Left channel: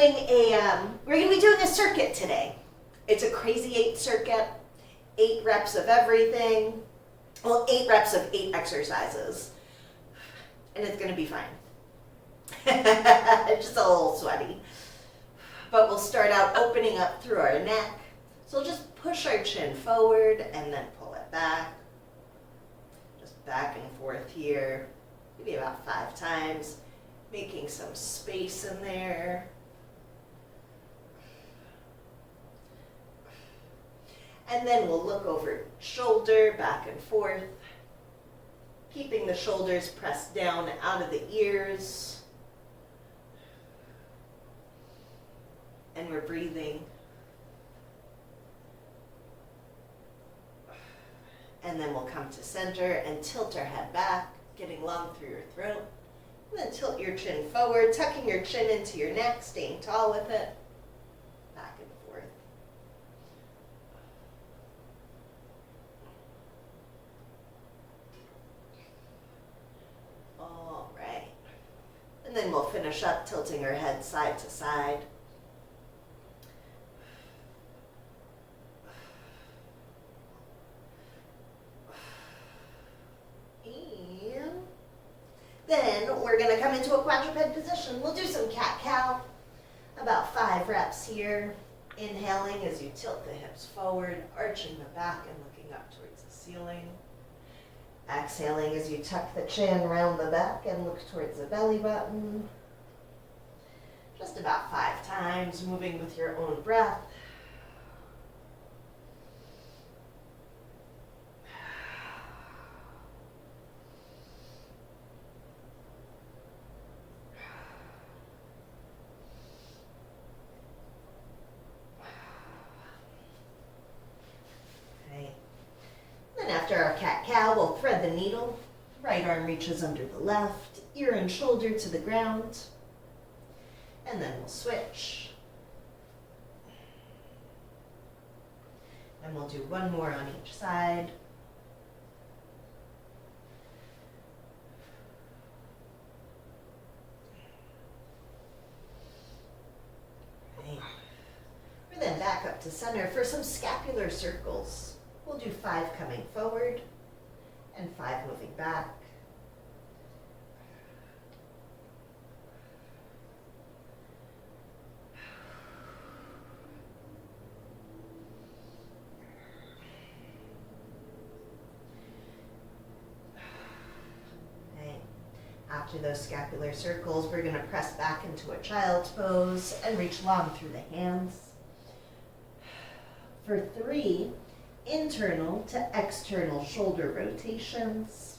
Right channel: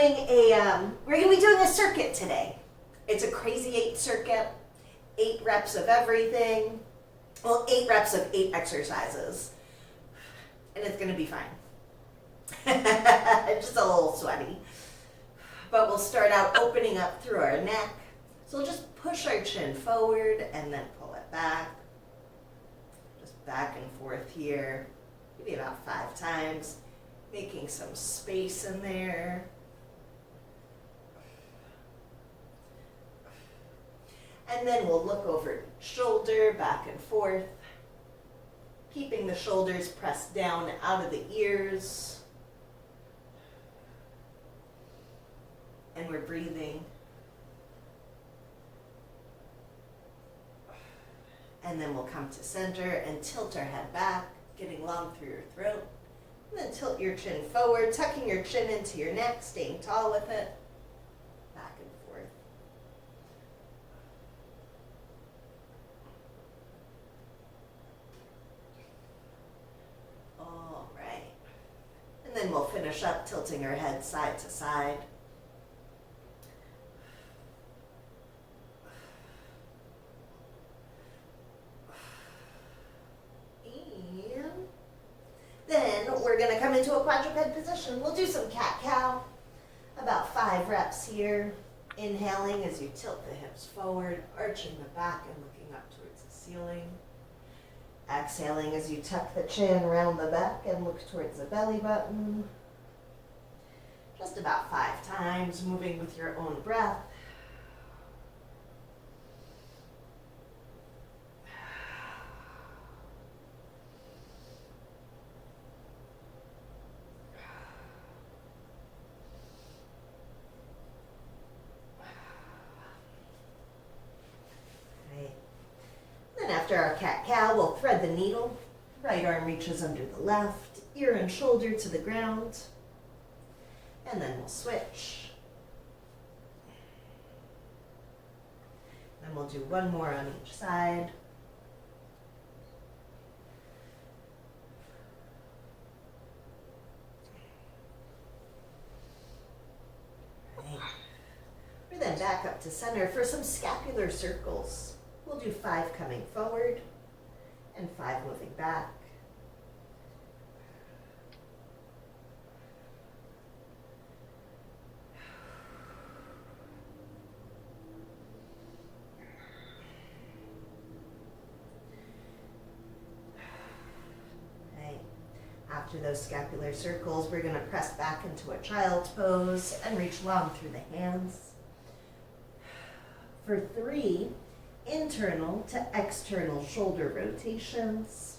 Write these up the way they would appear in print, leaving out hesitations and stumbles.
be doing a circuit today. It's a crazy 8 circuit, 8 reps of everything. Well, 8 reps of 8 exercises, and it's gonna be fine. Just a little sweaty. But we'll start out opening up through our neck. So we'll just push our chin forward and then pull it back. Just back and forth here, maybe about 5 times, making some space in there. And then we'll look over shoulder, back and forth, keeping the shoulders pressed down out of the ears. And we're breathing. And then we'll come to center and tilt our head back, getting long through your throat. And then tilt your chin forward, tucking your chin into your neck, staying tall with it. Back and forth. All right. And then we'll finish up tilting our head side to side. Then we're going to come into a quadruped position. We'll do some cat-cow, about 5 reps here. Inhaling as you tilt the hips forward, arching the back and looking up towards the ceiling. Exhaling as you tuck the chin around the back and look towards the belly button. Just about 5 times, moving with your own breath. After our cat-cow, we'll thread the needle. Right arm reaches under the left, ear and shoulder to the ground. And then we'll switch. And we'll do one more on each side. Right. We're then back up to center for some scapular circles. We'll do 5 coming forward and 5 moving back. Okay. After those scapular circles, we're going to press back into a child's pose and reach long through the hands. For 3, internal to external shoulder rotations.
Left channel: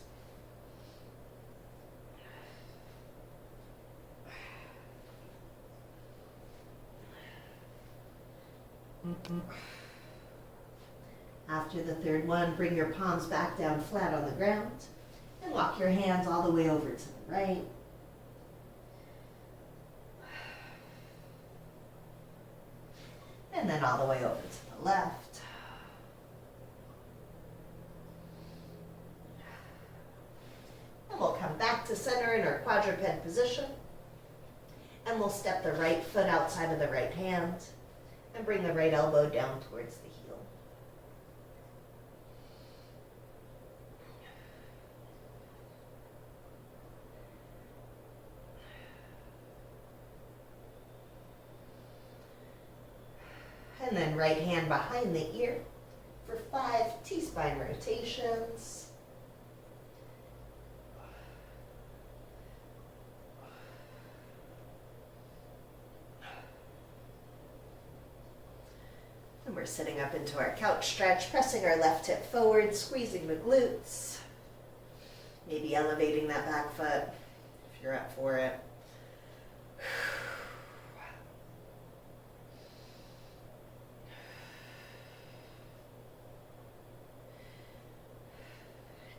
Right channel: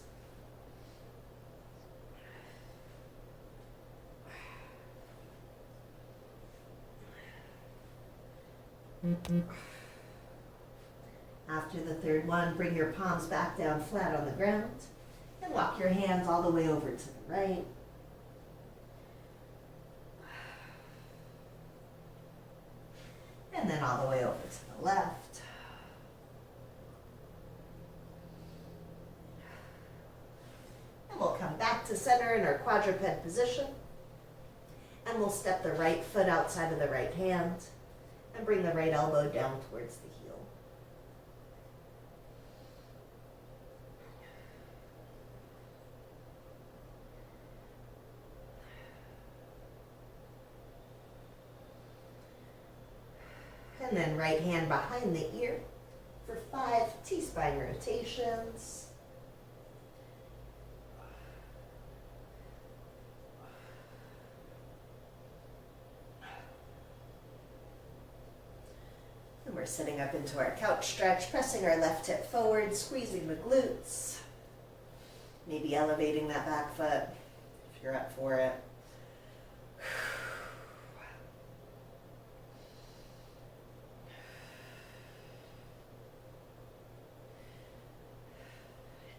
After the 3rd one, bring your palms back down flat on the ground and walk your hands all the way over to the right. And then all the way over to the left. We'll come back to center in our quadruped position, and we'll step the right foot outside of the right hand and bring the right elbow down towards the heel. And then right hand behind the ear for 5 T-spine rotations. We're sitting up into our couch stretch, pressing our left hip forward, squeezing the glutes. Maybe elevating that back foot if you're up for it.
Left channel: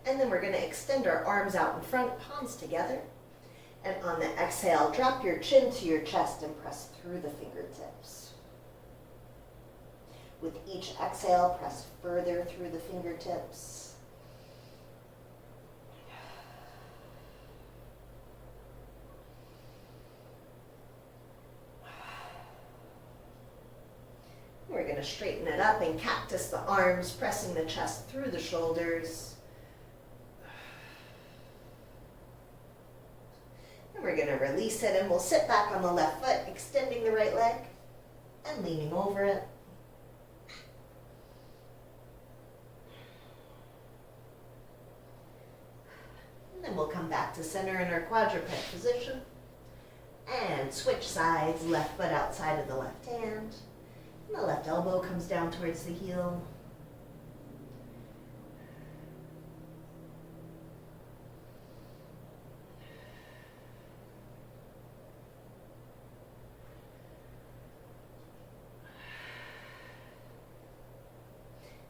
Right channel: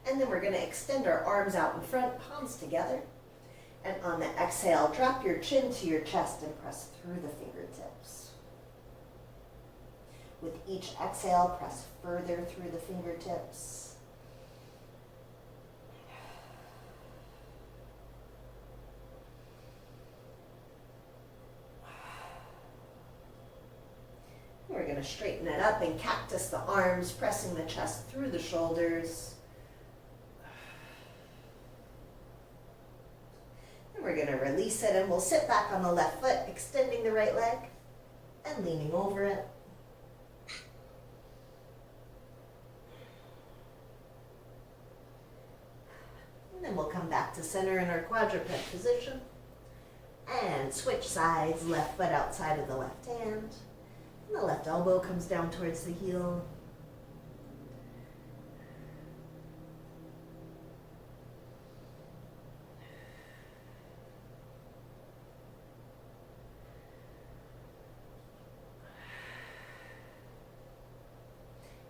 And then we're going to extend our arms out in front, palms together. And on the exhale, drop your chin to your chest and press through the fingertips. With each exhale, press further through the fingertips. we're going to straighten it up and cactus the arms, pressing the chest through the shoulders. And we're going to release it, and we'll sit back on the left foot, extending the right leg and leaning over it. And then we'll come back to center in our quadruped position and switch sides, left foot outside of the left hand. And the left elbow comes down towards the heel.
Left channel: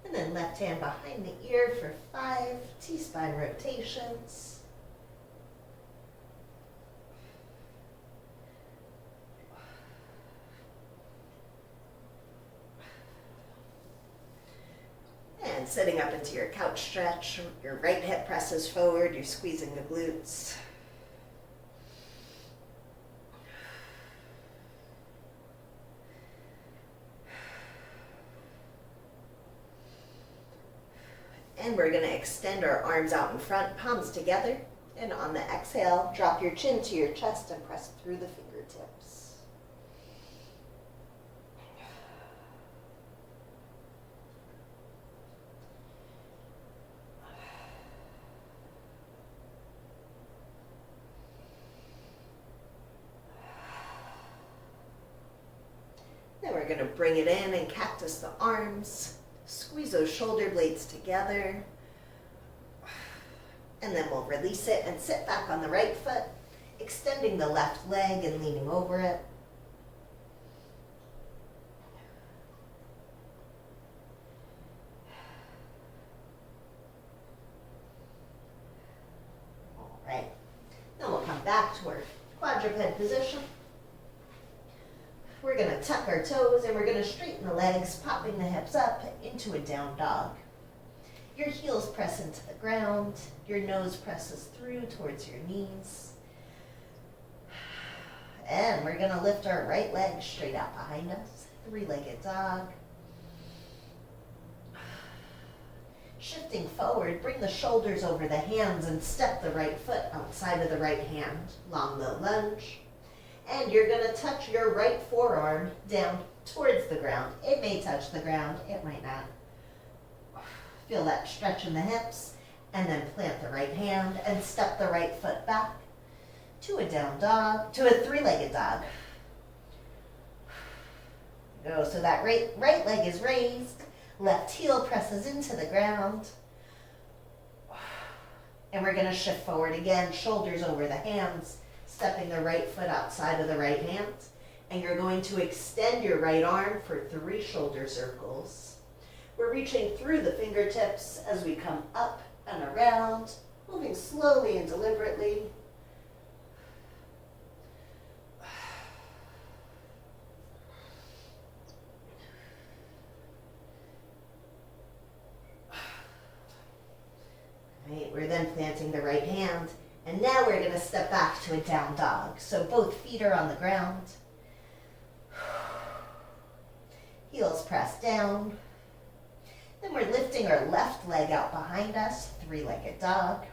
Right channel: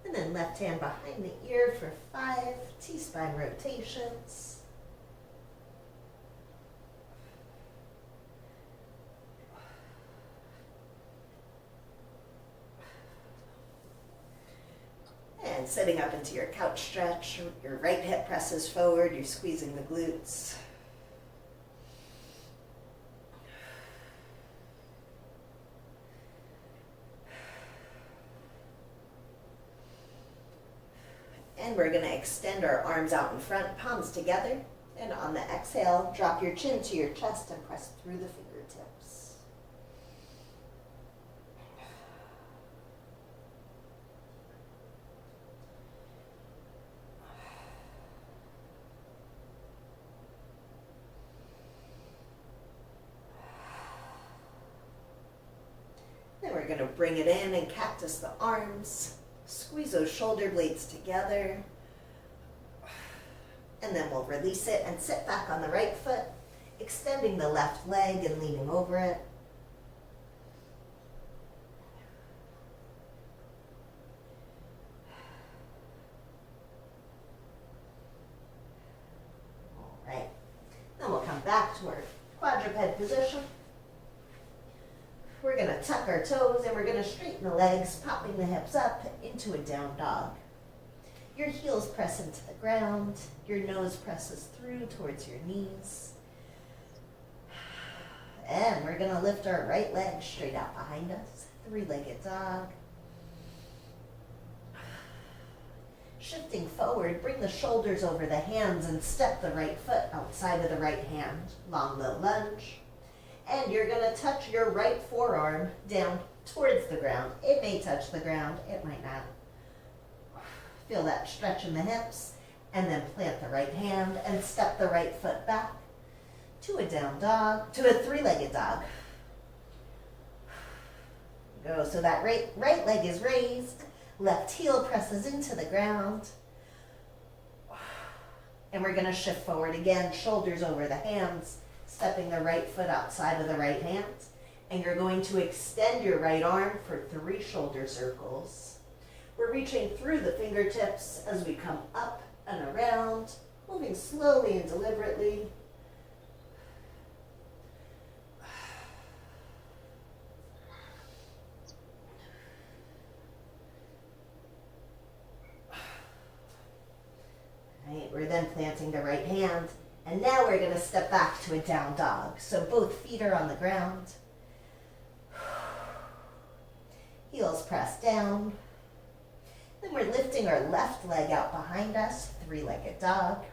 And then left hand behind the ear for 5 T-spine rotations. And sitting up into your couch stretch, your right hip presses forward, you're squeezing the glutes. And we're going to extend our arms out in front, palms together. And on the exhale, drop your chin to your chest and press through the fingertips. Then we're going to bring it in and cactus the arms. Squeeze those shoulder blades together. And then we'll release it and sit back on the right foot, extending the left leg and leaning over it. All right. Then we'll come back to our quadruped position. We're going to tuck our toes and we're going to straighten the legs, popping the hips up into a down dog. Your heels press into the ground. Your nose presses through towards your knees. And we're going to lift our right leg straight out behind us. 3-legged dog. Shifting forward, bring the shoulders over the hands and step the right foot outside of the right hand. Long low lunge. And you're going to touch your right forearm down towards the ground. It may touch the ground, it might not. Feel that stretch in the hips, and then plant the right hand and step the right foot back to a down dog, to a 3-legged dog. Go, so that right leg is raised, left heel presses into the ground. And we're going to shift forward again, shoulders over the hands, stepping the right foot outside of the right hand, and you're going to extend your right arm for 3 shoulder circles. We're reaching through the fingertips as we come up and around, moving slowly and deliberately. Right, we're then planting the right hand. And now we're going to step back to a down dog. So both feet are on the ground. Heels press down. Then we're lifting our left leg out behind us, 3-legged dog.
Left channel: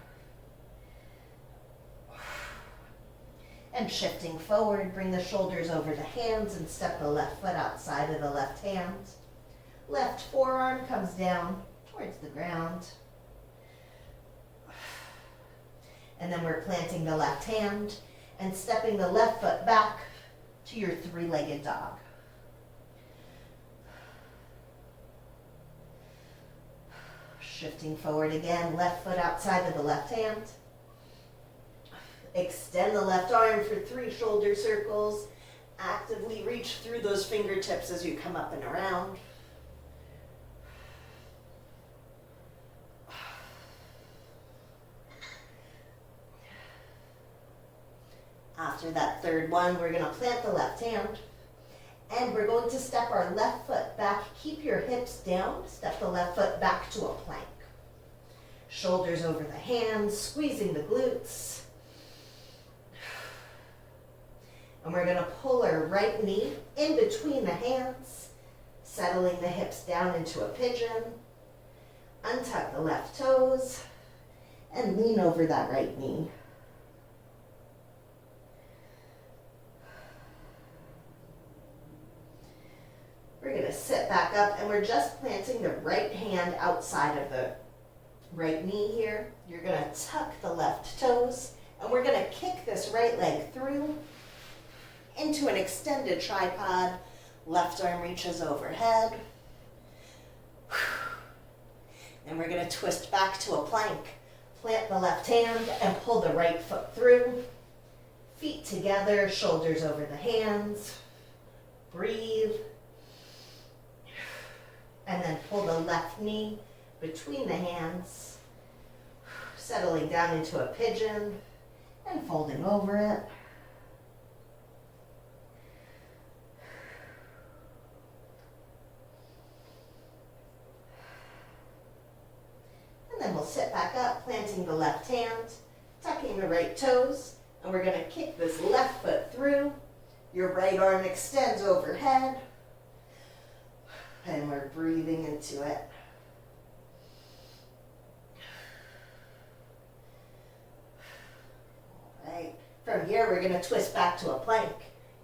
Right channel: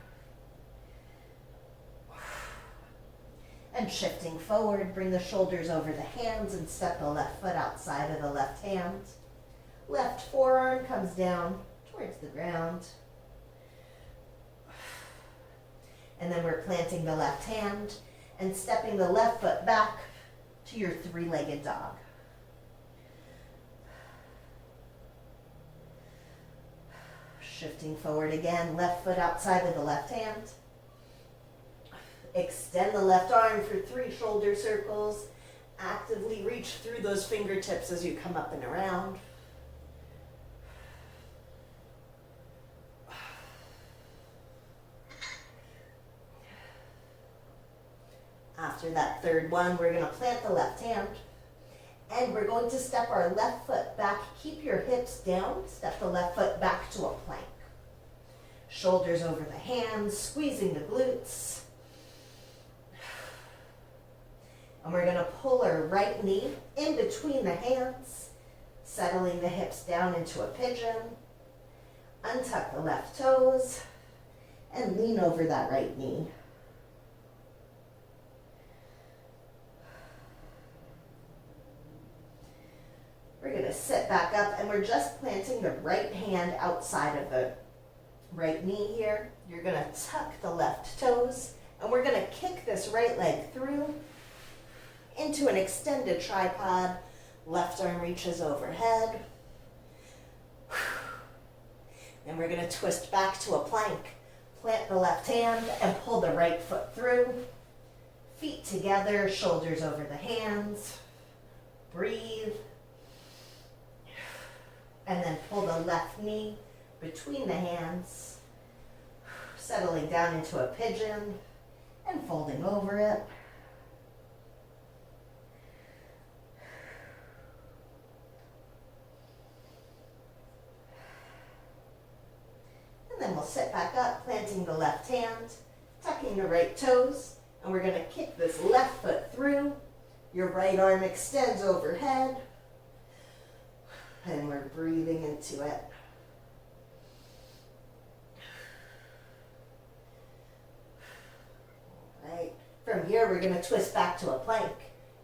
And shifting forward, bring the shoulders over the hands and step the left foot outside of the left hand. Left forearm comes down towards the ground. And then we're planting the left hand and stepping the left foot back to your 3-legged dog. Shifting forward again, left foot outside of the left hand. Extend the left arm for 3 shoulder circles. Actively reach through those fingertips as you come up and around. After that third one, we're going to plant the left hand, and we're going to step our left foot back. Keep your hips down. Step the left foot back to a plank. Shoulders over the hands, squeezing the glutes. And we're going to pull our right knee in between the hands, Settling the hips down into a pigeon. Untuck the left toes and lean over that right knee. We're going to sit back up and we're just planting the right hand outside of the right knee here. You're going to tuck the left toes and we're going to kick this right leg through into an extended tripod. Left arm reaches overhead. Then we're going to twist back to a plank. Plant the left hand and pull the right foot through. Feet together, shoulders over the hands. Breathe. And then pull the left knee between the hands. Settling down into a pigeon and folding over it. And then we'll sit back up, planting the left hand, tucking the right toes, and we're going to kick this left foot through. Your right arm extends overhead, and we're breathing into it. All right. From here, we're going to twist back to a plank.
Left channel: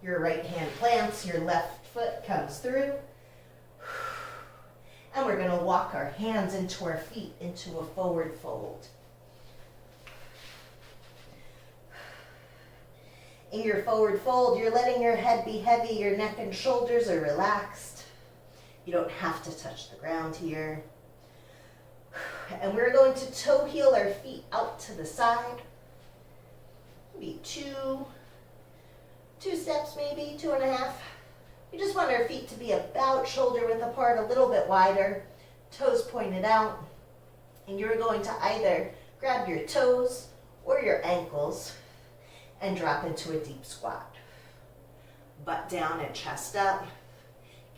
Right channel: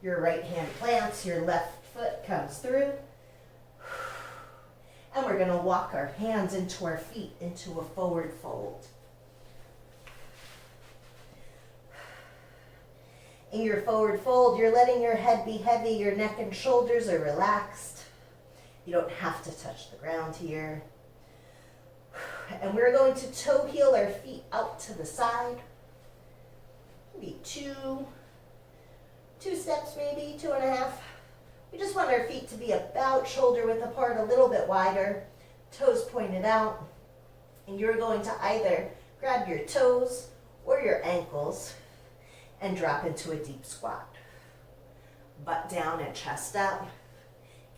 Your right hand plants, your left foot comes through. And we're going to walk our hands into our feet into a forward fold. In your forward fold, you're letting your head be heavy, your neck and shoulders are relaxed. You don't have to touch the ground here. And we're going to toe heel our feet out to the side. Maybe two steps, maybe 2.5. We just want our feet to be about shoulder width apart, a little bit wider, toes pointed out. And you're going to either grab your toes or your ankles and drop into a deep squat. Butt down and chest up.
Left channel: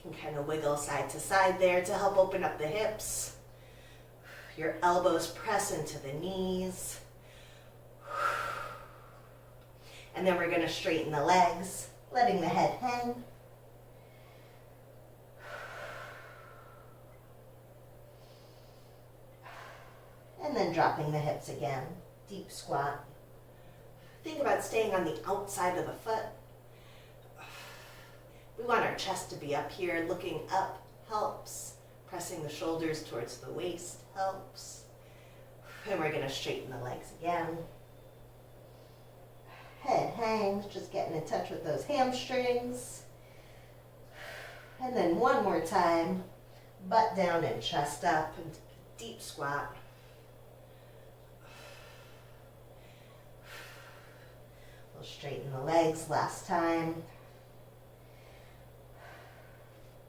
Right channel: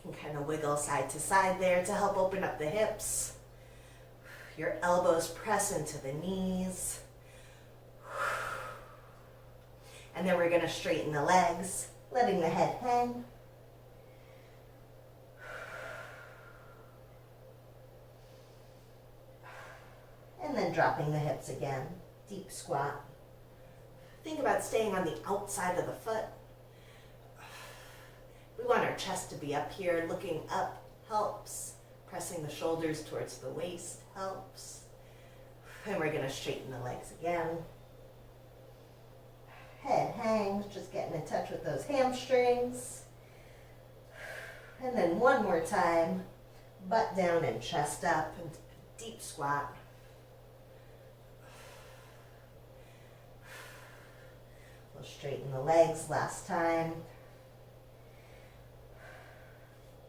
You can kind of wiggle side to side there to help open up the hips. Your elbows press into the knees. And then we're going to straighten the legs, letting the head hang. And then dropping the hips again, deep squat. Think about staying on the outside of the foot. We want our chest to be up here, looking up helps. Pressing the shoulders towards the waist helps. And we're going to straighten the legs again. Head hangs, just getting in touch with those hamstrings. And then one more time, butt down and chest up, and deep squat. We'll straighten the legs last time.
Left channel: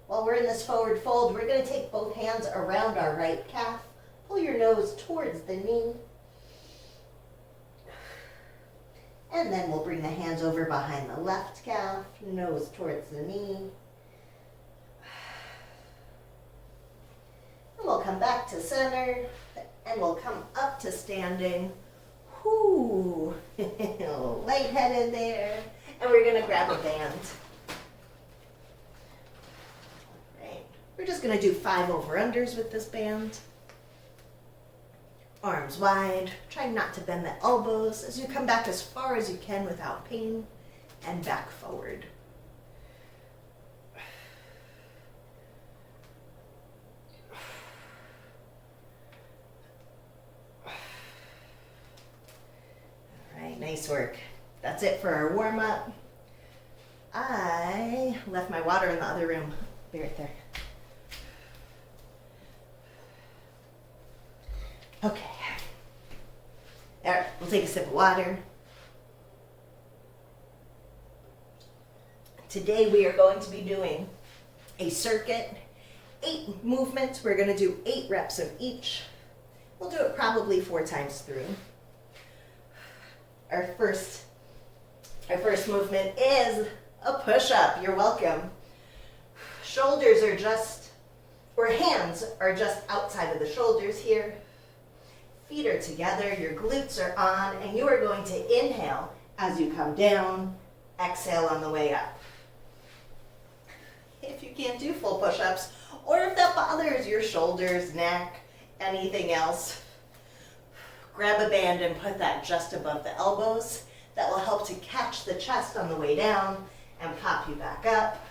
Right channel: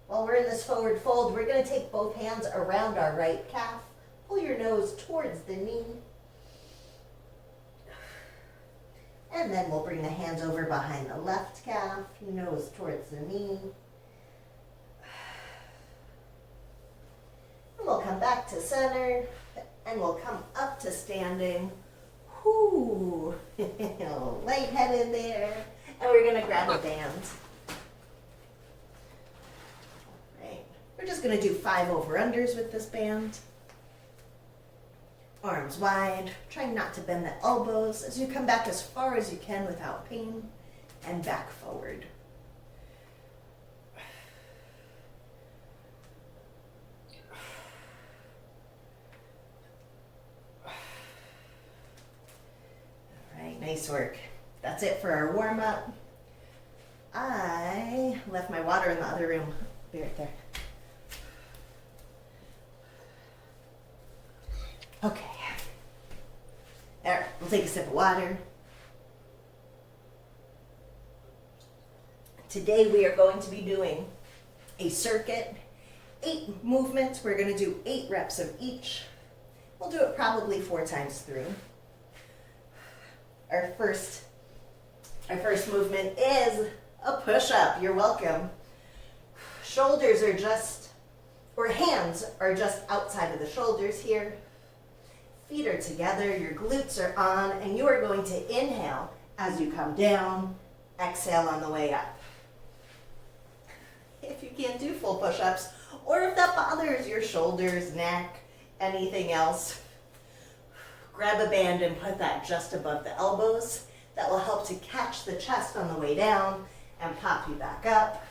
While we're in this forward fold, we're going to take both hands around our right calf. Pull your nose towards the knee. And then we'll bring the hands over behind the left calf, nose towards the knee. And we'll come back to center, and we'll come up to standing. Whoo, lightheaded there. And we're going to grab a band. All right. We're just going to do 5 over-unders with this band. Arms wide, try not to bend the elbows as you come back as far as you can without pain, and back forward. All right, nice work. That's it for our warm-up. I left my water in the other room. Be right there. Okay. There, we'll take a sip of water. Today we are going to be doing a circuit, 8 movements. We're going to do 8 reps of each. We'll do it probably 4 times through. Our first movement is a push-up. You're welcome. Shoulders are just, or hands are just outside of the shoulders here. Feet are together, your glutes are on, and you are going to inhale as you come down, exhale on the way up. If you can't do full push-ups, or if that bothers your shoulders, neck, anything else, grab a band and put that just above the elbows. That will help to catch the chest on the way down and pop you back up.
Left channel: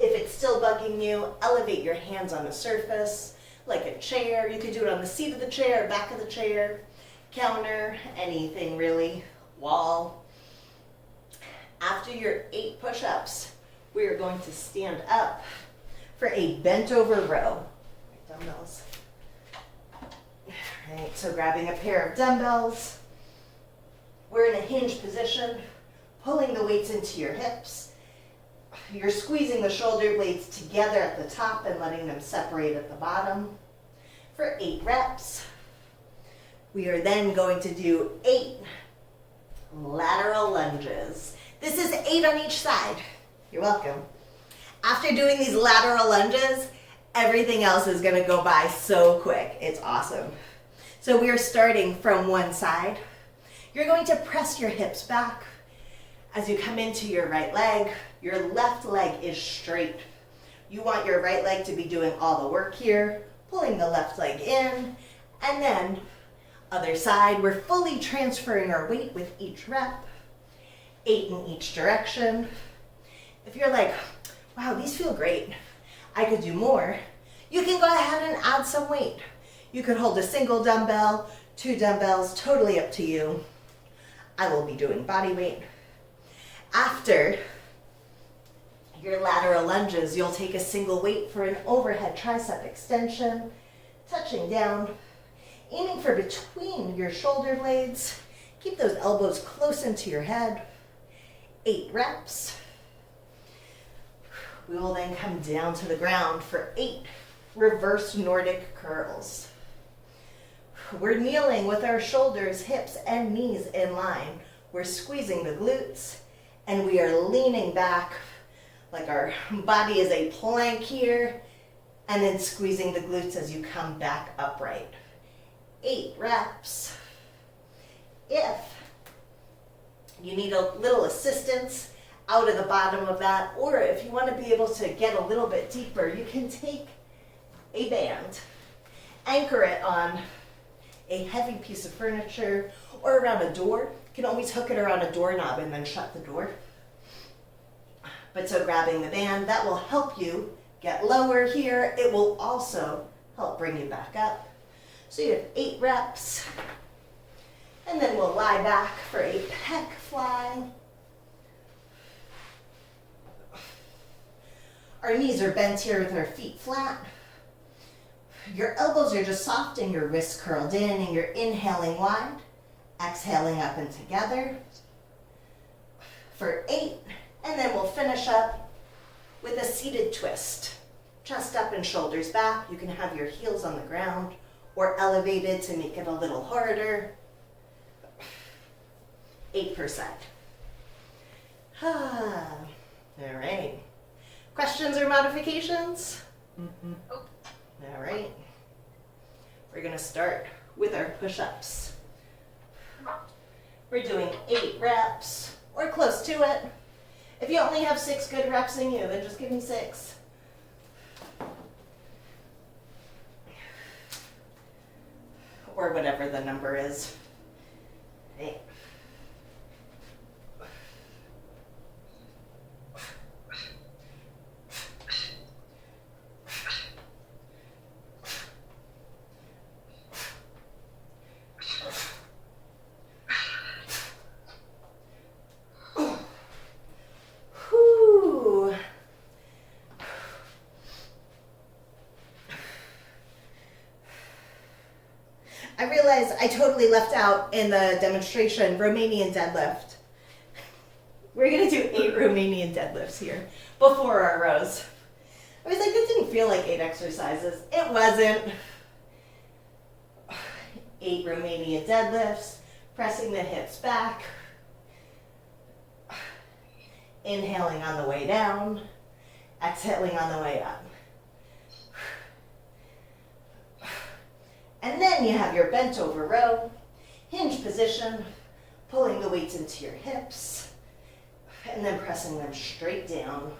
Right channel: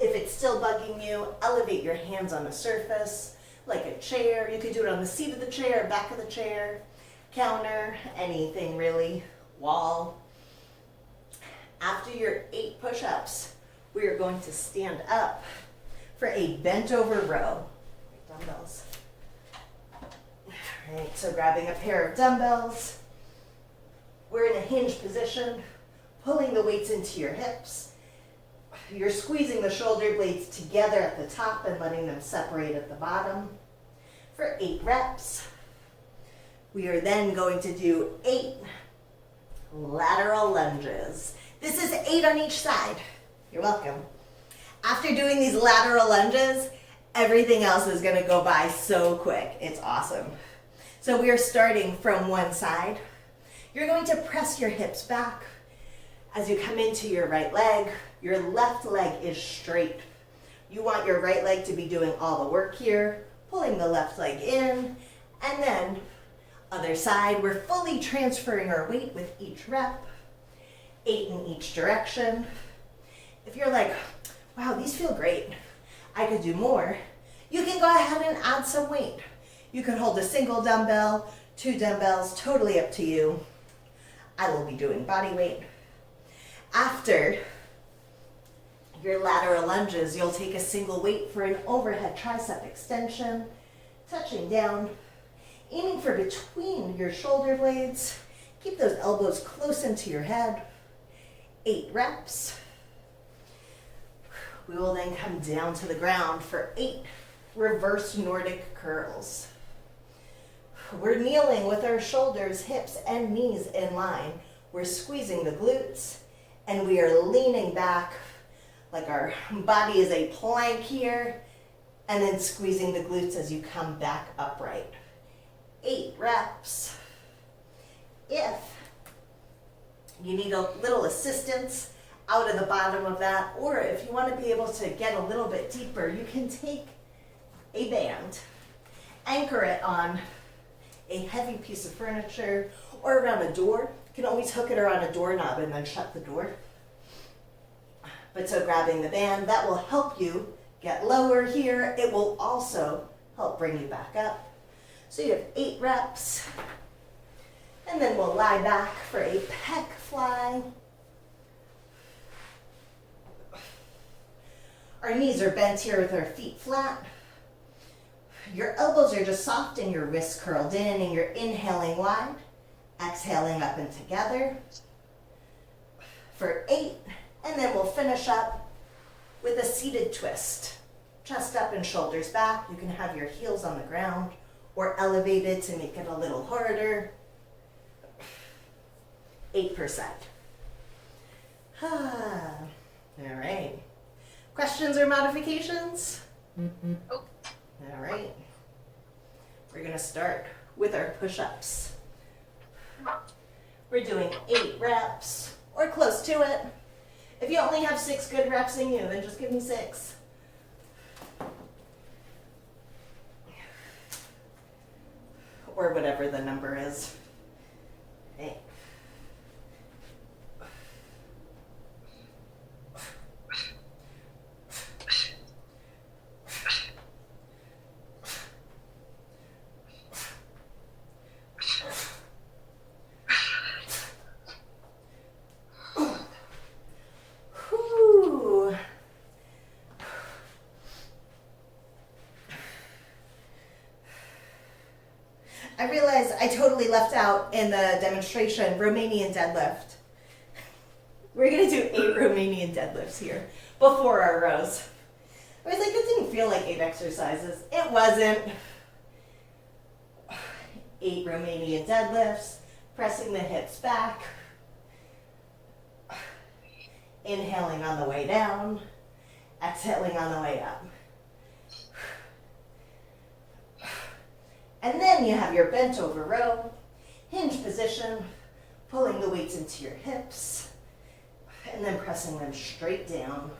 If it's still bugging you, elevate your hands on a surface, like a chair. You could do it on the seat of the chair, back of the chair, counter, anything really, wall. After your 8 push-ups, we are going to stand up for a bent over row. Dumbbells. All right, so grabbing a pair of dumbbells. We're in a hinge position, pulling the weights into your hips. You're squeezing the shoulder blades together at the top and letting them separate at the bottom for 8 reps. We are then going to do 8 lateral lunges. This is 8 on each side. You're welcome. After doing these lateral lunges, everything else is going to go by so quick. It's awesome. So we are starting from one side. You're going to press your hips back. As you come into your right leg, your left leg is straight. You want your right leg to be doing all the work here, pulling the left leg in, and then other side, we're fully transferring our weight with each rep, 8 in each direction. If you're like, wow, these feel great, I could do more, you can go ahead and add some weight. You could hold a single dumbbell, 2 dumbbells, totally up to you. I will be doing body weight. After your lateral lunges, you'll take a single weight for an overhead tricep extension, touching down, aiming for between your shoulder blades. Keep those elbows close into your head. 8 reps. We will then come down to the ground for 8 reverse Nordic curls. We're kneeling with our shoulders, hips, and knees in line. We're squeezing the glutes, and we are leaning back like our body is a plank here, and then squeezing the glutes as you come back upright. 8 reps. If you need a little assistance out of the bottom of that, or if you want to be able to get a little bit deeper, you can take a band, anchor it on a heavy piece of furniture or around a door. You can always hook it around a doorknob and then shut the door. But so grabbing the band, that will help you get lower here. It will also help bring you back up. So you have 8 reps. And then we'll lie back for a pec fly. Our knees are bent here with our feet flat. Your elbows are just soft and your wrists curled in, and you're inhaling wide, exhaling up and together for 8. And then we'll finish up with a seated twist. Chest up and shoulders back. You can have your heels on the ground or elevated to make it a little harder. 8%. All right. Questions or modifications? All right. We're going to start with our push-ups. We're doing 8 reps or close to it. If you only have 6 good reps in you, then just give me 6. Or whatever the number is. Right. I realized I totally left out in the demonstration Romanian deadlift. We're going to do 8 Romanian deadlifts here before our rows. I was like, it didn't feel like 8 exercises. It wasn't. 8 Romanian deadlifts, pressing the hips back, inhaling on the way down, exhaling on the way up. And then you have your bent over row, hinge position, pulling the weights into your hips. And then pressing them straight down.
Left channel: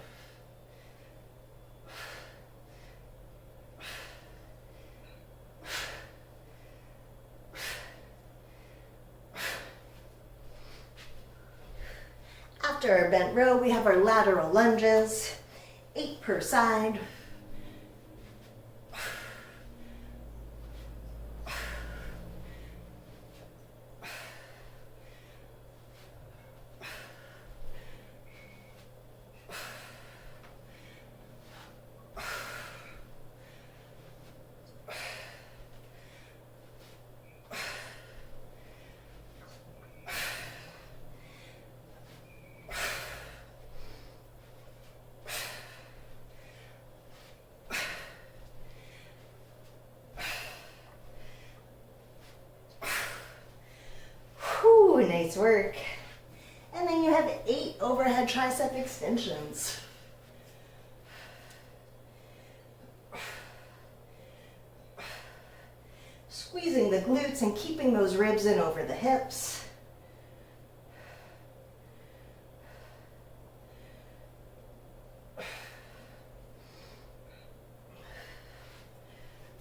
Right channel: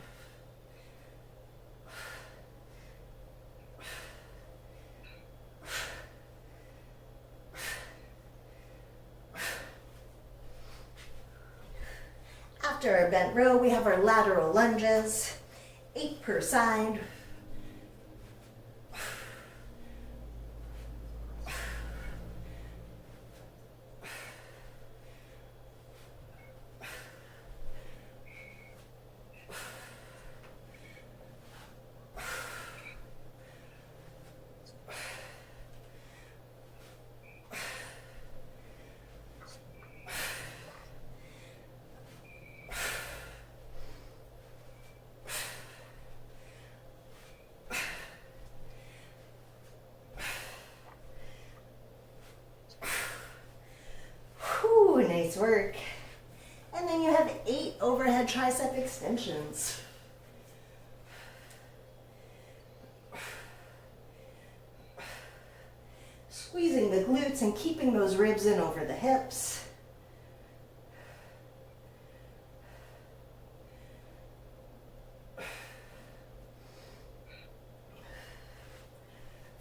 After our bent row, we have our lateral lunges, 8 per side. Nice work. And then you have 8 overhead tricep extensions. Squeezing the glutes and keeping those ribs in over the hips.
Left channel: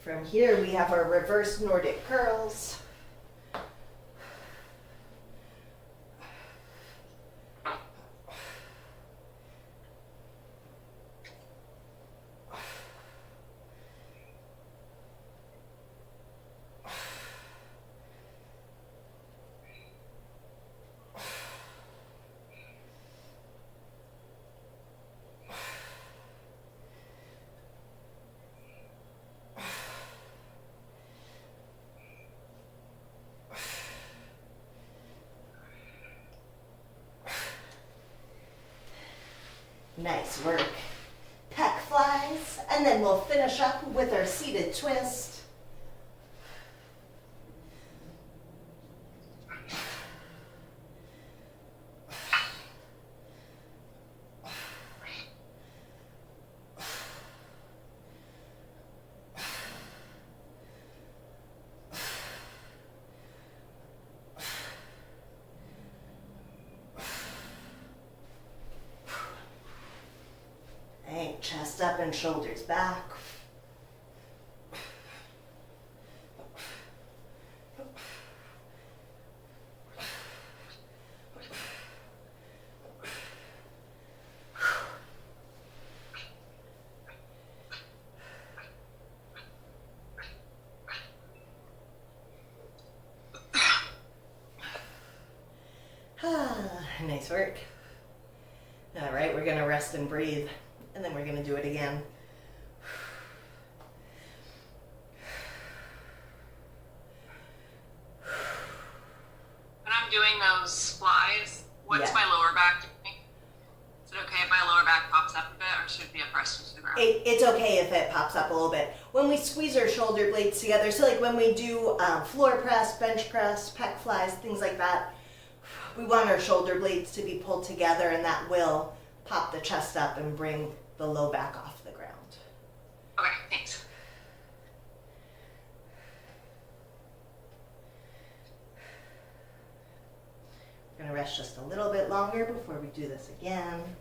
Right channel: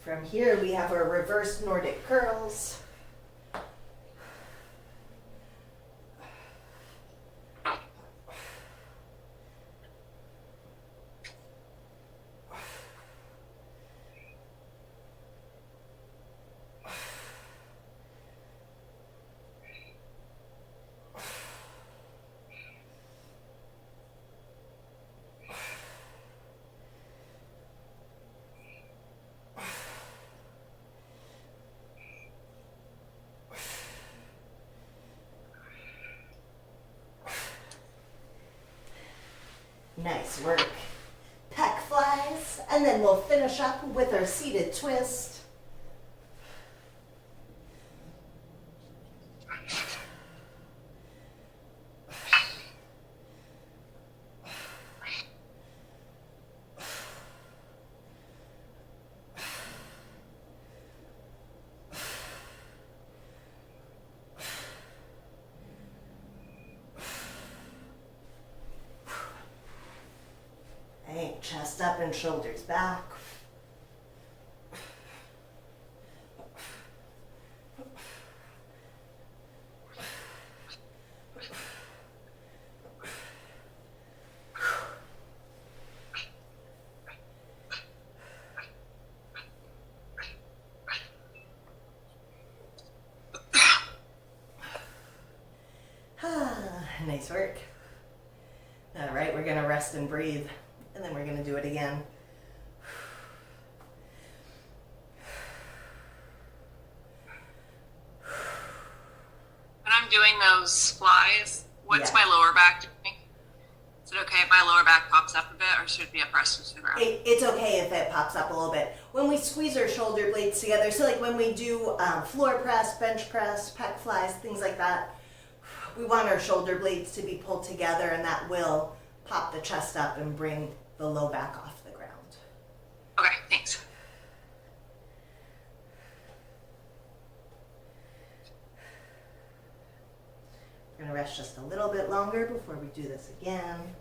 From here we have our reverse Nordic curls. Nice work. Pec flies, and then we'll finish up with our seated twist. Chest up and shoulders back. Nice work. All right, we're gonna rest and breathe. And then we're going to do it again. When I'm doing those flies, what's my lower back doing? Is it okay if my lower back pops up a bit, or should it be pressed to the ground? It's okay if it pops up a little bit. When we squeeze our shoulder blades together, so like when we do floor press, bench press, pec flies, things like that, we want our shoulder blades to be pulled together, and that will pop the chest up and bring the low back off the ground. Okay, thanks. We're gonna rest just a little bit longer before we do this again.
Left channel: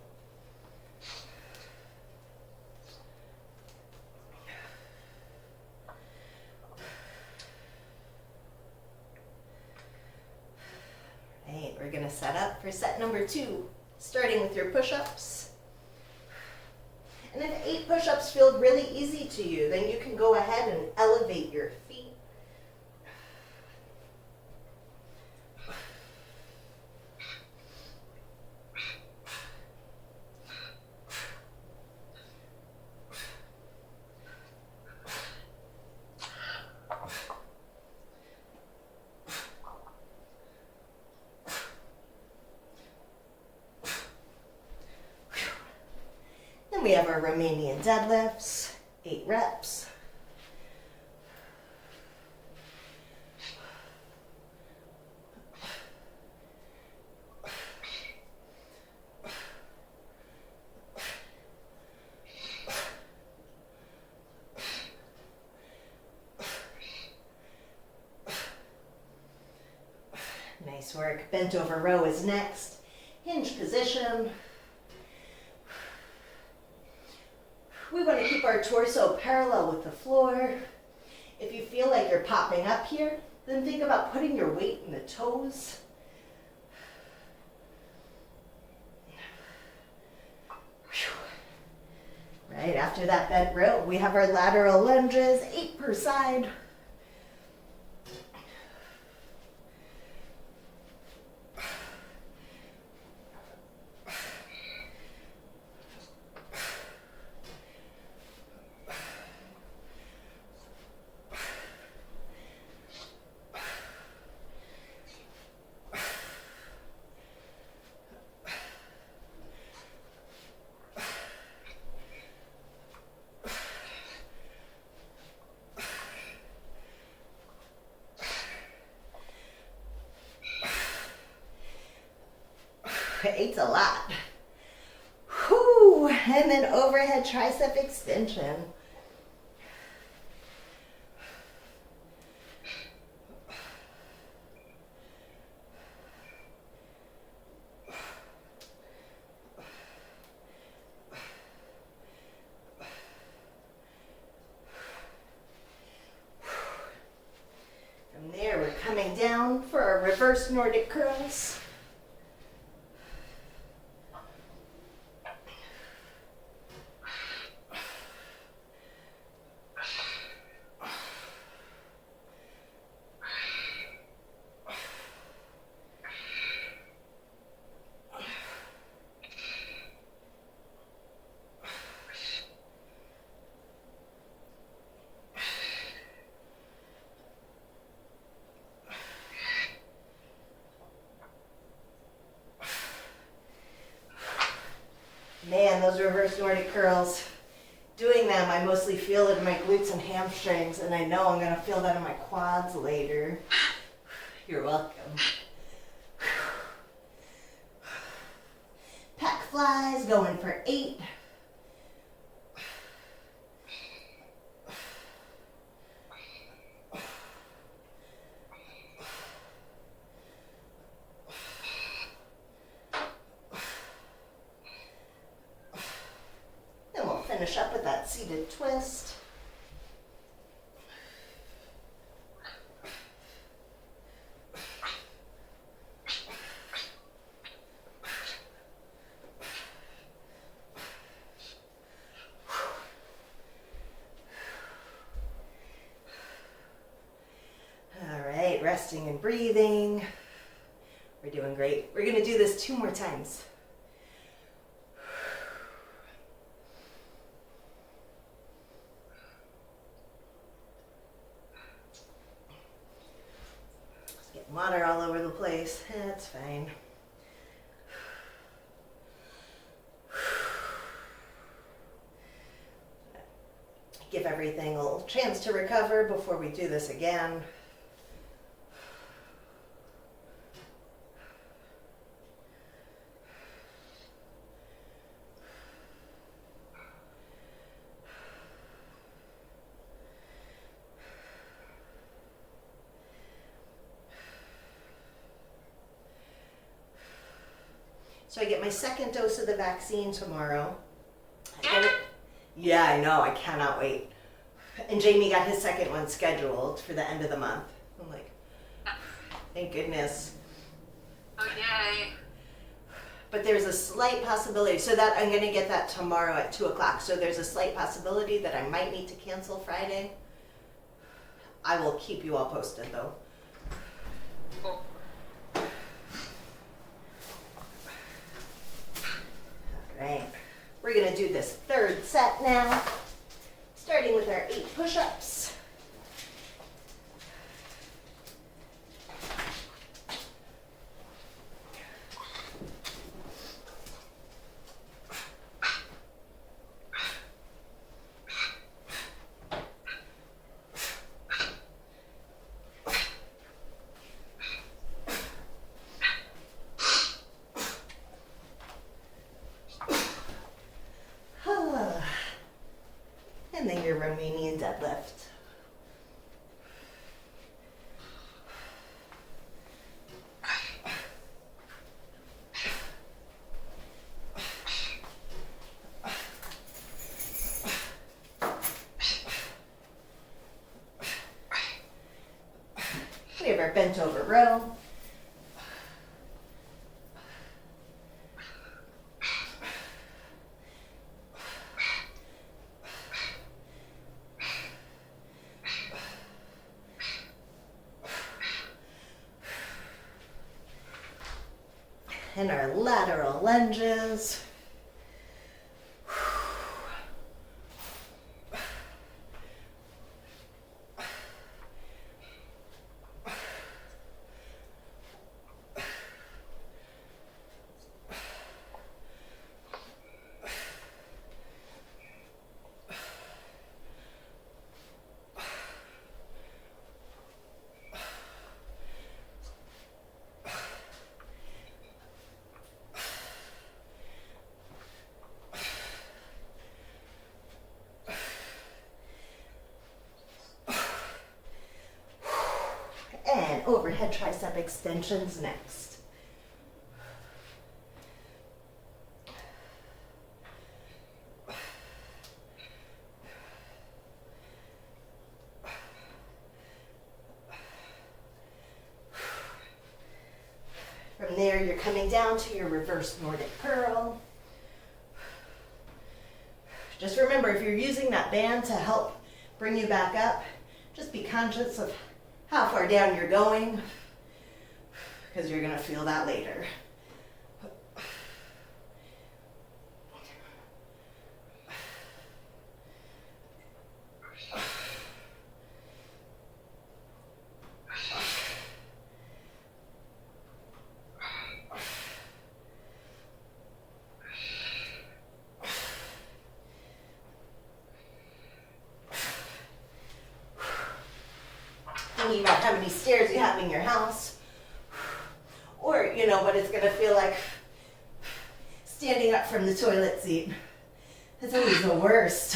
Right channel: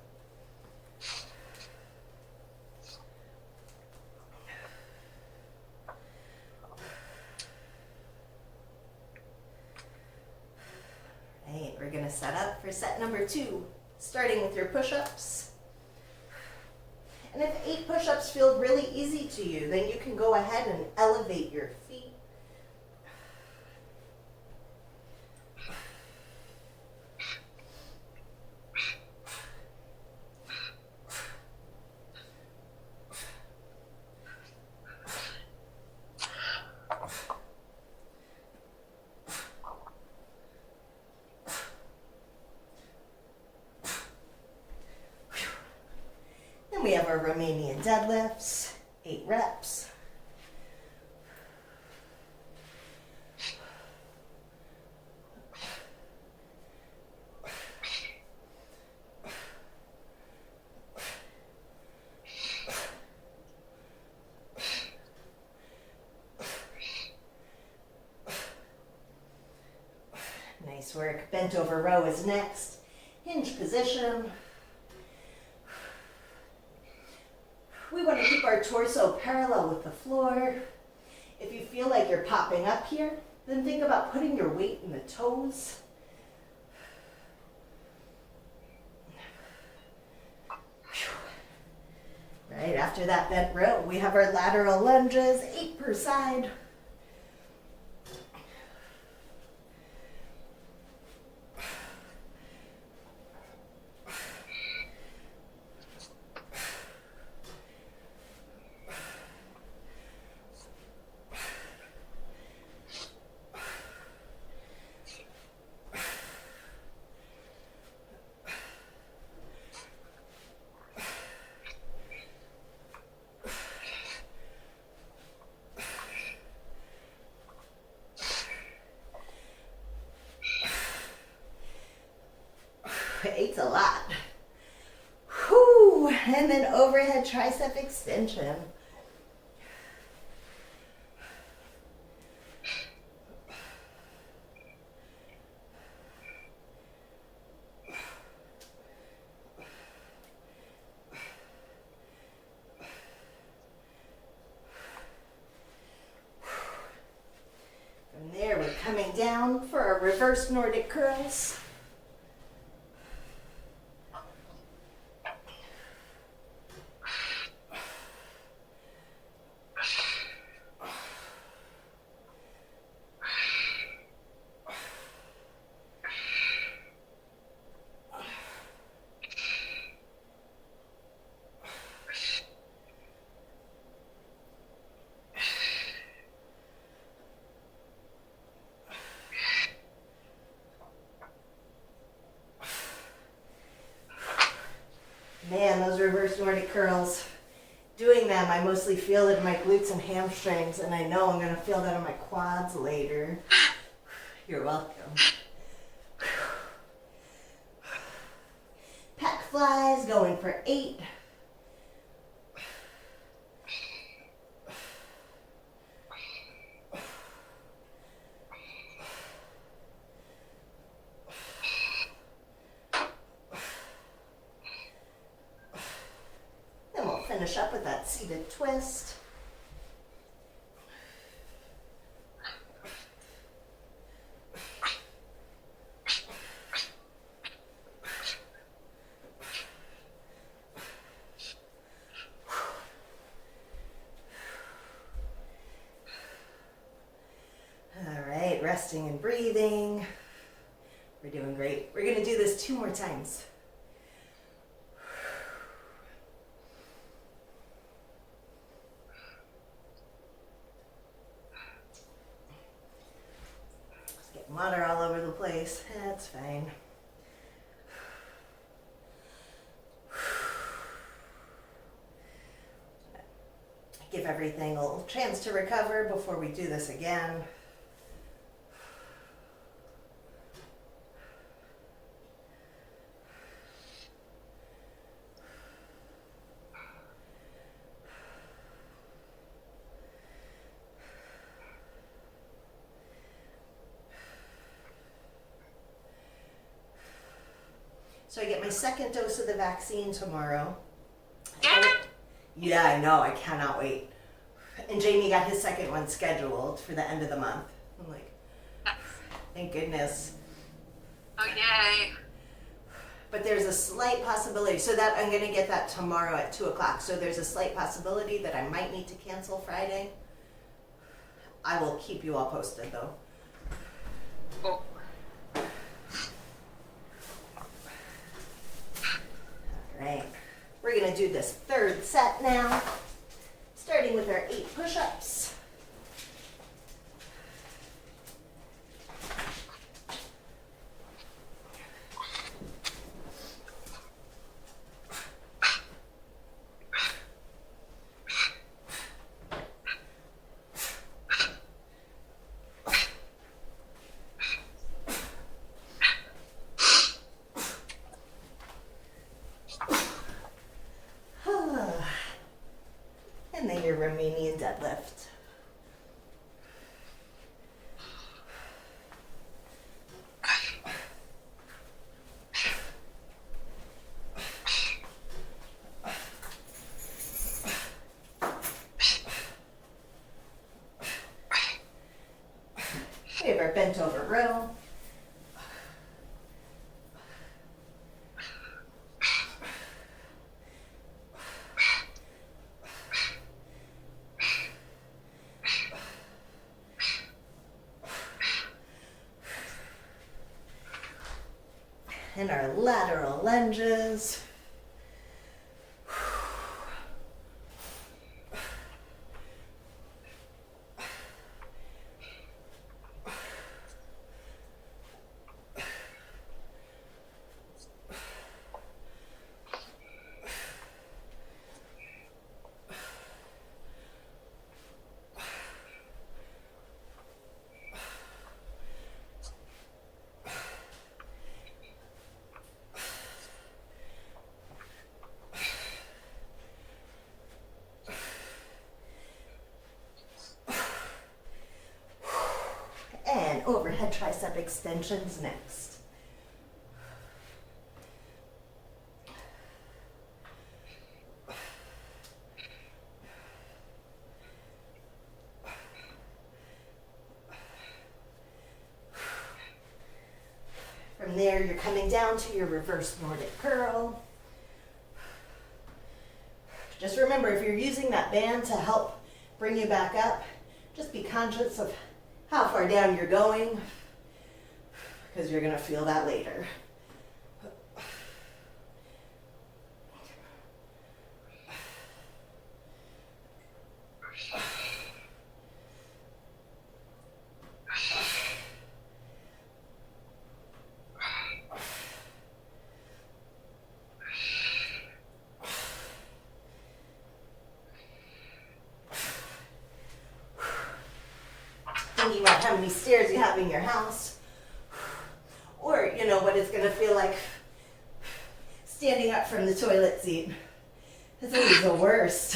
All right, we're gonna set up for set number 2, starting with your push-ups. And if 8 push-ups feel really easy to you, then you can go ahead and elevate your feet. We have our Romanian deadlifts, 8 reps. Nice work. Bent over row is next. Hinge position. We want to keep our torso parallel with the floor. If you feel like you're popping up here, then think about putting your weight in the toes. Right, after that bent row, we have our lateral lunges, 8 per side. Eight's a lot. Whew. And then overhead tricep extension. From there, we're coming down for our reverse Nordic curls. Man, those reverse Nordic curls, doing them, I mostly feel it in my glutes and hamstrings, and I know I'm going to feel that in my quads later. You're welcome. Pec flies, going for 8. Finish up with that seated twist. All right, resting and breathing. We're doing great. We're going to do this 2 more times. Water all over the place. That's fine. Give everything a little chance to recover before we do this again. So I get my second dose of the vaccine tomorrow. Yeah, I know. I cannot wait. And Jamie got his second one scheduled for the end of the month. I'm like, thank goodness. Oh, yay. But there's a slight possibility. So that I'm going to get that tomorrow at 2 o'clock. So there's a slight possibility that I might need to cancel Friday. I will keep you all posted, though. Cool. Right. We're going to do this 3rd set now, starting with our 8 push-ups. And then your Romanian deadlift. bent over row. And our lateral lunges. And overhead tricep extensions next. From there, you're coming down to your reverse Nordic curl. Just remember, if you're using that band to help bring you back up, just be conscious of how far down you're going, because you're going to feel that later. Thinking about how many stairs you have in your house, or you know what it's going to feel like standing up from the toilet seat. That's always the worst.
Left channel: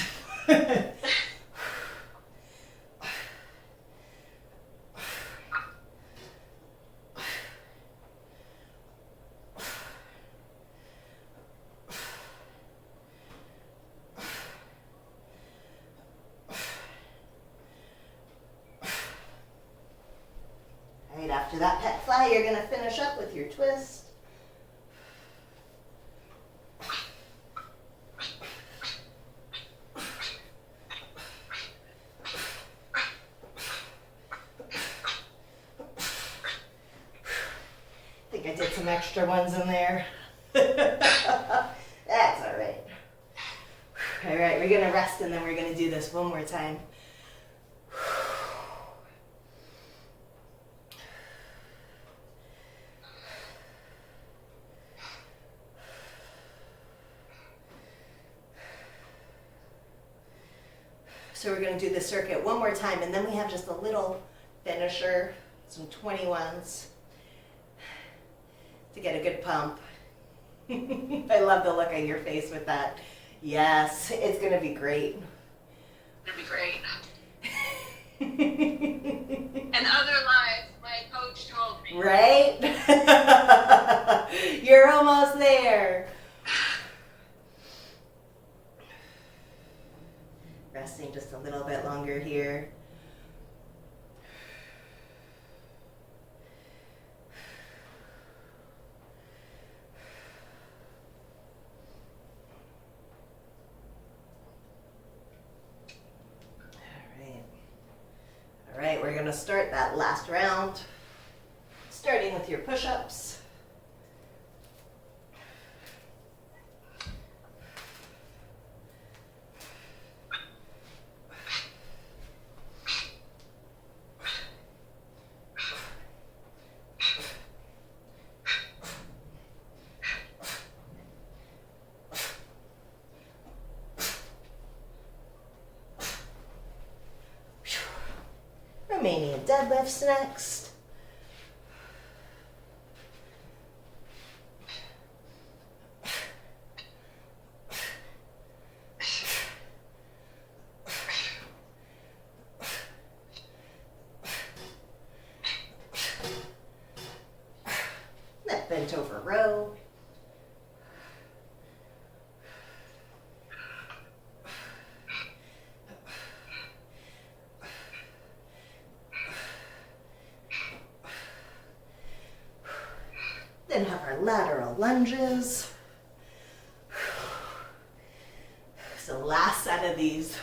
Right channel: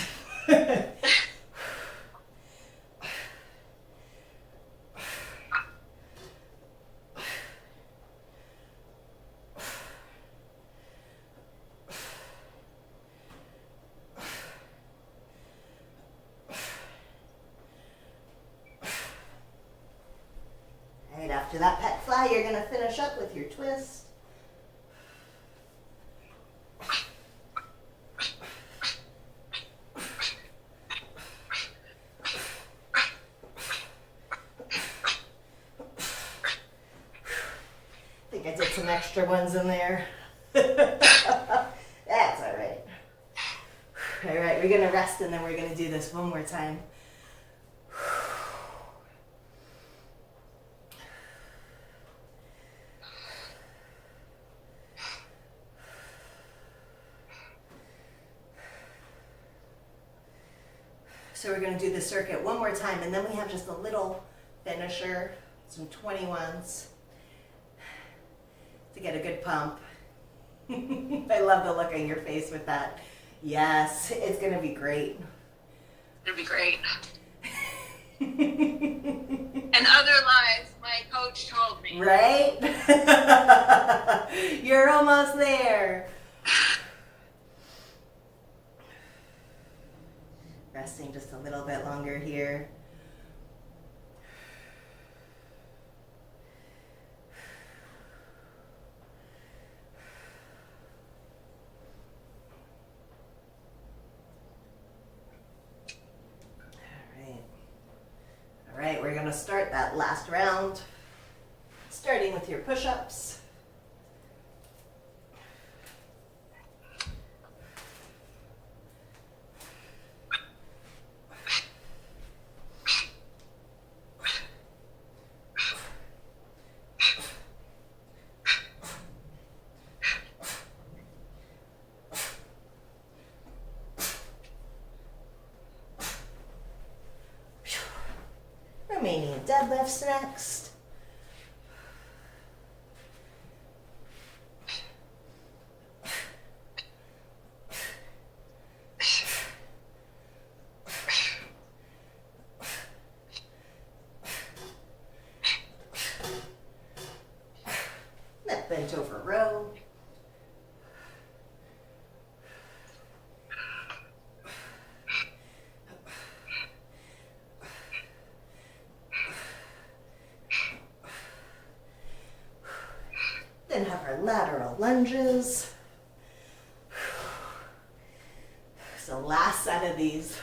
After that pet fly, you're going to finish up with your twist. I think I did some extra ones in there. That's all right. All right, we're going to rest and then we're going to do this one more time. So we're going to do the circuit one more time, and then we have just a little finisher, some 21s, to get a good pump. I love the look on your face with that. Yes, it's going to be great. It'll be great. In other lives, my coach told me. Right? You're almost there. Resting just a little bit longer here. All right, we're going to start that last round, starting with your push-ups. Romanian Deadlifts next. That bent over row. Then have our lateral lunges. So last set of these.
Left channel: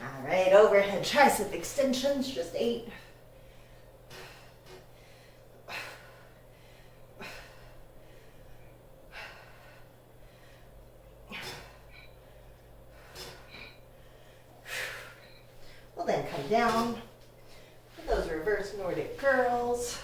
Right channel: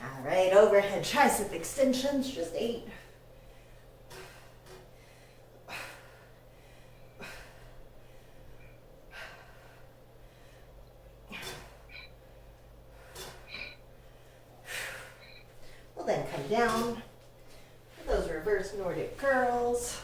All right, overhead tricep extensions, just 8. We'll then come down for those reverse Nordic curls.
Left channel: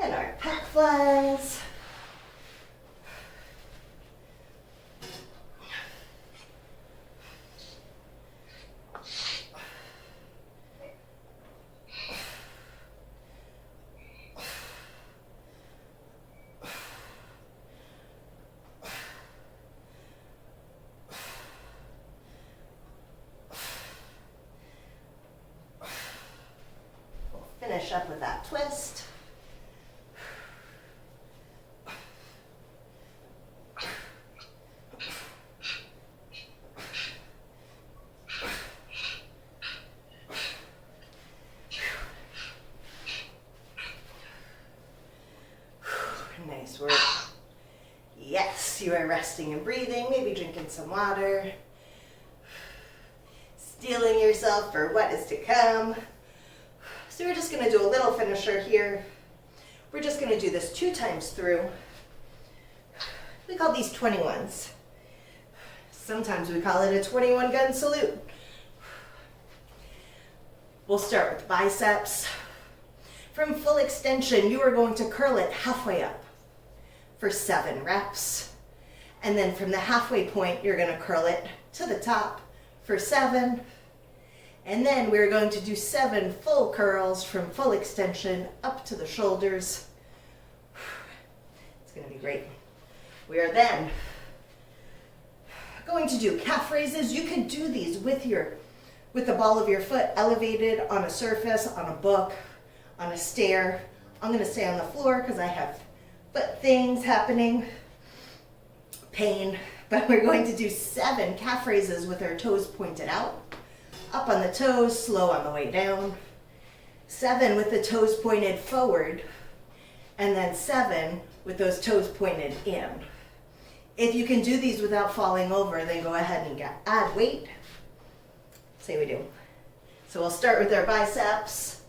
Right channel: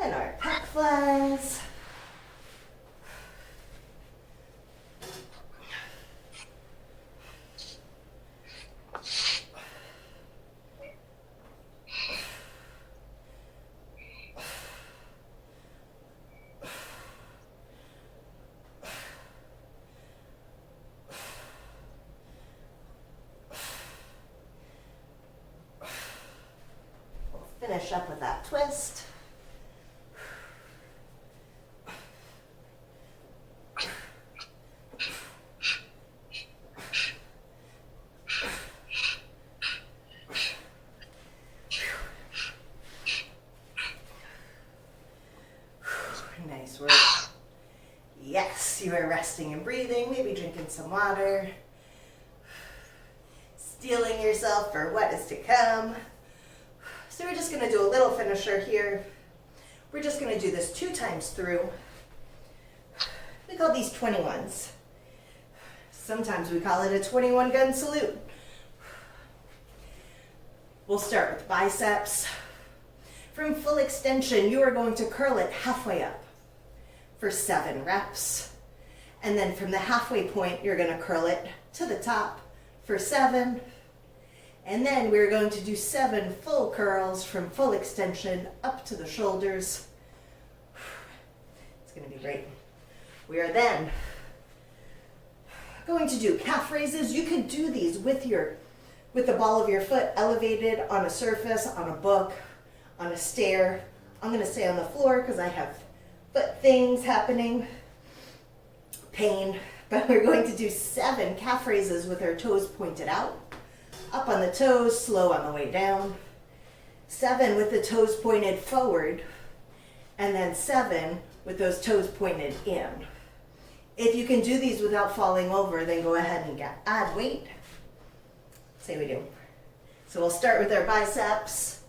And our pec flies. We'll finish up with that twist. Nice work. Yes, you are resting and breathing, maybe drinking some water, steeling yourself for what is to come. So we're just going to do a little finisher here. We're just going to do this 2 times through. We call these 21s. Sometimes we call it a 21 gun salute. We'll start with biceps. From full extension, you are going to curl it halfway up for 7 reps. And then from the halfway point, you're going to curl it to the top for 7. And then we're going to do 7 full curls from full extension up to the shoulders. It's going to be great. We are then going to do calf raises. You can do these with the ball of your foot elevated on a surface, on a book, on a stair. I'm going to stay on the floor because I have foot things happening, pain, but we're going to do 7 calf raises with our toes pointed out, up on the toes, slow on the way down, 7 with the toes pointed forward, and then 7 with those toes pointed in. If you can do these without falling over, then go ahead and add weight. Say we do. So we'll start with our biceps.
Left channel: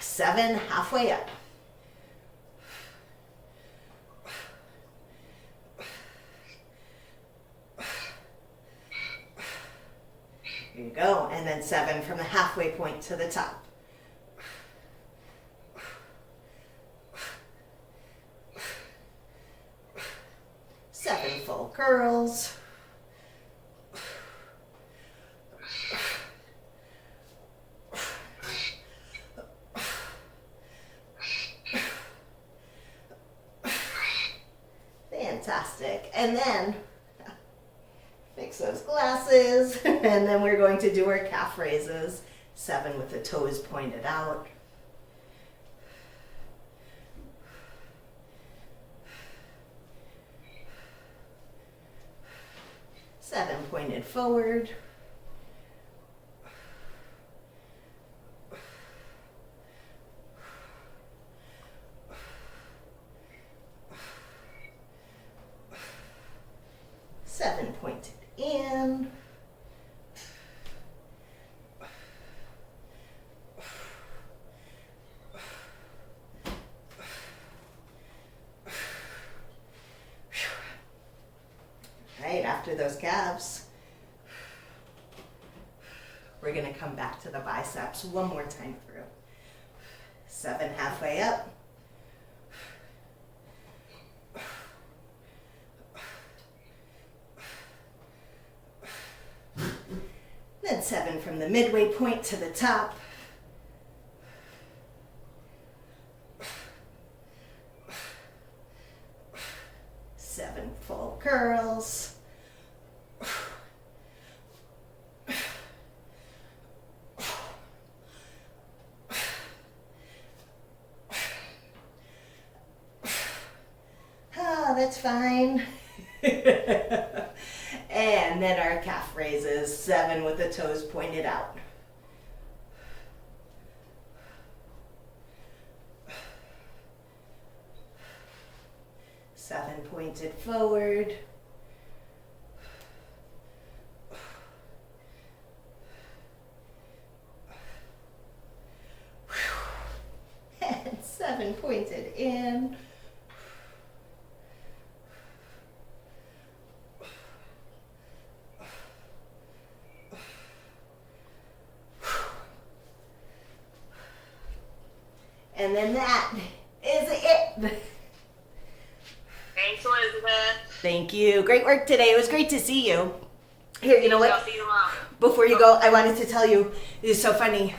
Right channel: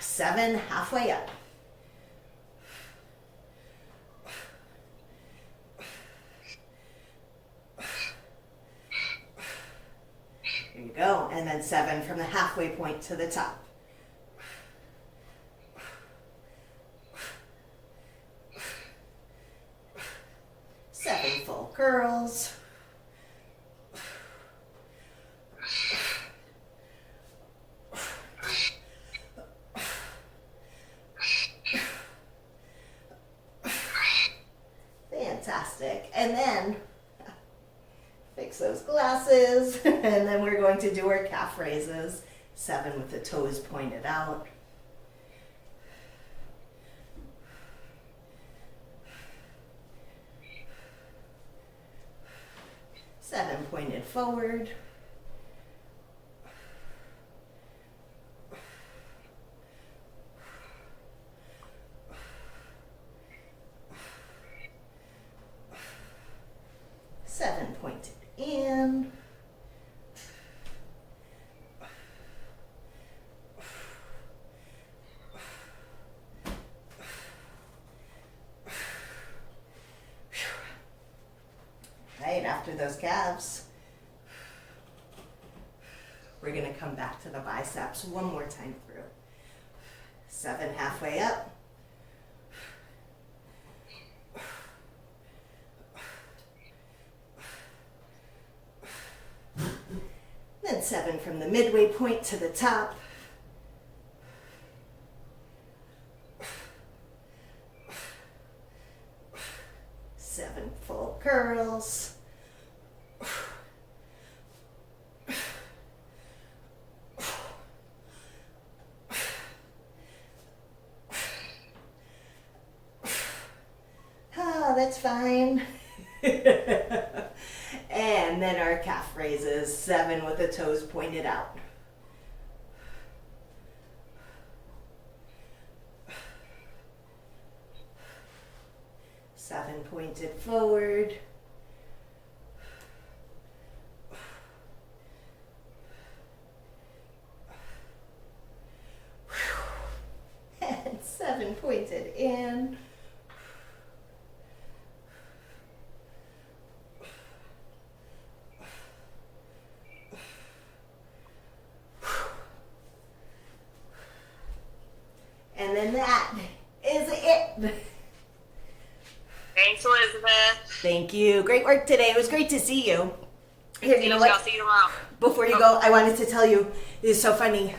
7 halfway up. Here you go. And then 7 from the halfway point to the top. Seven full curls. Fantastic. And then fix those glasses, and then we're going to do our calf raises. 7 with the toes pointed out. Seven pointed forward. Seven pointed in. after those calves. We're going to come back to the biceps one more time through. 7 halfway up. Then 7 from the midway point to the top. Seven full curls. Oh, that's fine. And then our calf raises, 7 with the toes pointed out. Seven pointed forward. And 7 pointed in. And then that is it. Thanks, Elizabeth. Thank you. Great work today. It was great to see you. Here, you know I'll what? see you tomorrow. Before you go, I wanted to tell you, this is so funny.